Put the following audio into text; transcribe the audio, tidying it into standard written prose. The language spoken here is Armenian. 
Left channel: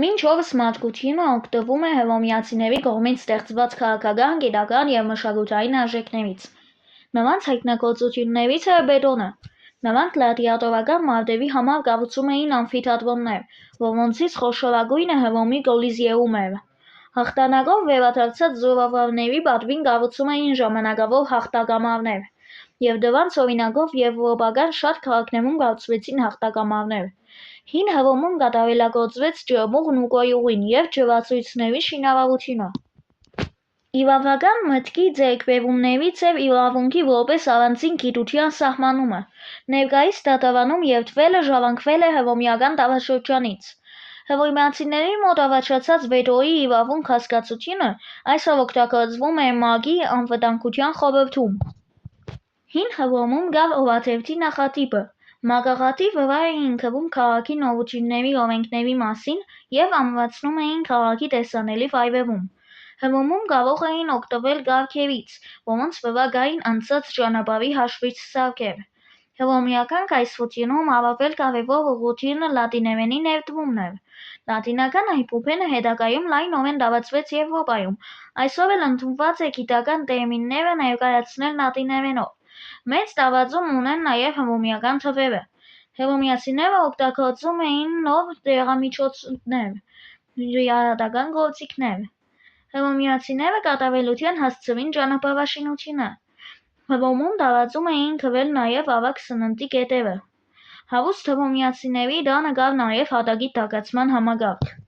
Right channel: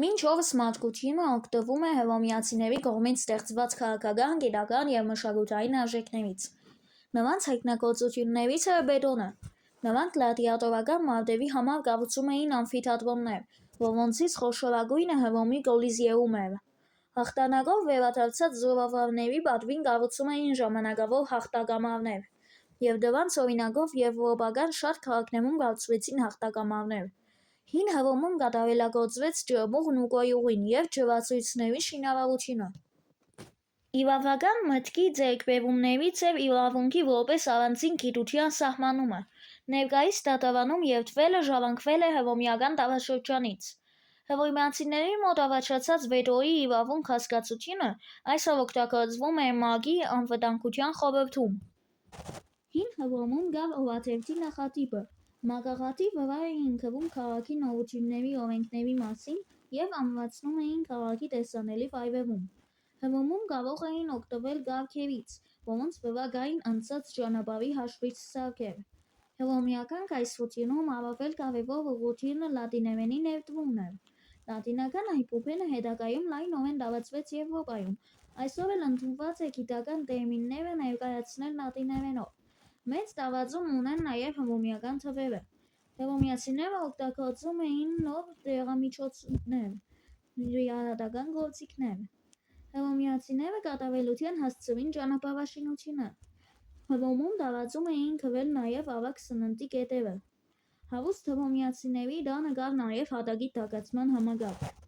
Մինչ օրս մարդկությունը օգտվում է հռոմեացիների կողմից ստեղծված քաղաքական, գիտական և մշակութային արժեքներից։ Նրանց հայտնագործություններից է բետոնը։ Նրանք գլադիատորական մարտերի համար կառուցում էին ամֆիթատրոններ, որոնցից խոշորագույնը Հռոմի Կոլիզեումն էր։ Հաղթանակով վերադարձած զորավարների պատվին կառուցում էին ժամանակավոր հաղթակամարներ, և դրանց օրինակով եվրոպական շատ քաղաքներում կառուցվեցին հաղթակամարներ։ Հին Հռոմում կատարելագործվեց ջրմուղն ու կոյուղին և ջրացույցների շինարարությունը։ Իրավական մտքի ձեռքբերումներից էր իրավունքի որպես առանձին գիտության սահմանումը։ Ներկայիս դատարանում երդվելը ժառանգվել է հռոմեական տարաշրջանից։ Հռոմեացիների մոտ առաջացած վետոյի իրավունք հասկացությունը այսօր օգտագործվում է ՄԱԿ-ի անվտանգության խորհրդում։ Հին Հռոմում կար օրաթերթի նախատիպը։ Մագաղաթի վրա էին գրում քաղաքի նորությունների օրենքների մասին և ամրացնում էին քաղաքի տեսանելի վայրերում։ Հռոմում կարող էին օգտվել կառքերից, որոնց վրա կային անցած ճանապարհի հաշվիչ սարքեր։ Հռոմեական կայսրությունում առավել կարևոր ուղղությունը լատիներենի ներդրումն էր։ Լատինական այբուբենը հետագայում լայնորեն տարածվեց Եվրոպայում։ Այսօր էլ ընդունված է գիտական տերմինները ներկայացնել լատիներենով։ Մեծ տարածում ունեն նաև հռոմեական թվերը։ Հռոմեացիները օգտագործում էին նոր դեղամիջոցներ, ժիռայատական գործիքներ։ Հռոմեացիները կատարելության հասցրին ճանապարհաշինությունը։ Հռոմում տարածում էին գրել նաև ավագ սննդի կետերը։ Հարուստ հռոմեացիների տանը կար նաև հատակի տաքացման համակարգ։